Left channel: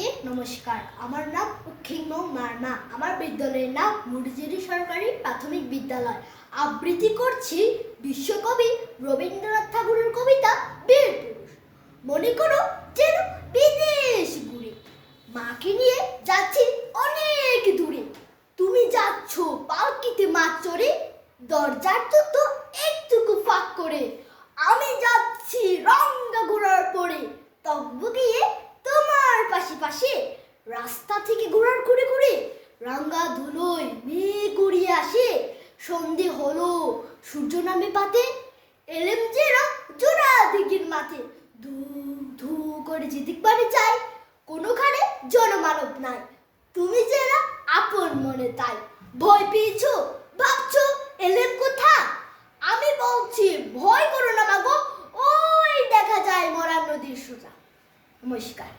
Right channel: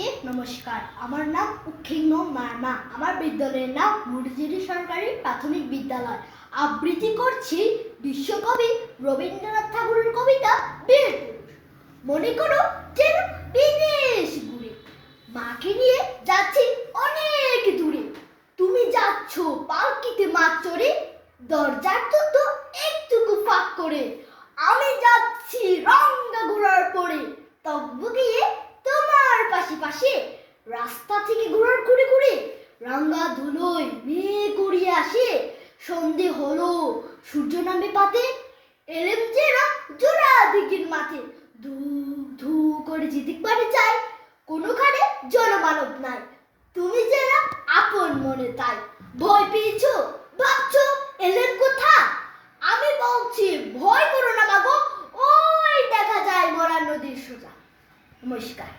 সবাইকে নমস্কার। আমার নাম উৎক্ষিন্ন মার্মা। আমার বিদ্যালয়ের নাম মুড়িজিরি সরকারি প্রাথমিক বিদ্যালয়। আবৃত্তি করছি বিশ্বকবি রবীন্দ্রনাথ ঠাকুরের কবিতা বীর পুরুষ। মনে করো যেন বিদেশ ঘুরে, মাকে নিয়ে যাচ্ছি অনেক দূরে। তুমি যাচ্ছ পালকিতে মাছ চড়ে, দরজার তো একটুকু ফাঁক করে। আমি যাচ্ছি রঙা ঘোড়ার পরে, তকবুকিয়ে তোমার পাশে পাশে। রাস্তা থেকে ঘোড়ার ঘুরে ঘুরে রাঙ্গা ধুলোয় মেঘ উড়িয়ে আসে। সন্ধে হলো, সূর্য নামে পাতে, এলেম যেরা জোড়া দিঘির মাঠে। ধু ধু করে যেদিক বাড়ি চাই, কোনোখানে জনমানব নাই। তুমি যারা আপন মনে তাই। ভয় পেয়েছো, ভাবছো এলেম কোথা? আমি বলছি ভয় করো না মাগো, ওই দেখা যায় মরা নদীর সোজা। নমস্কার।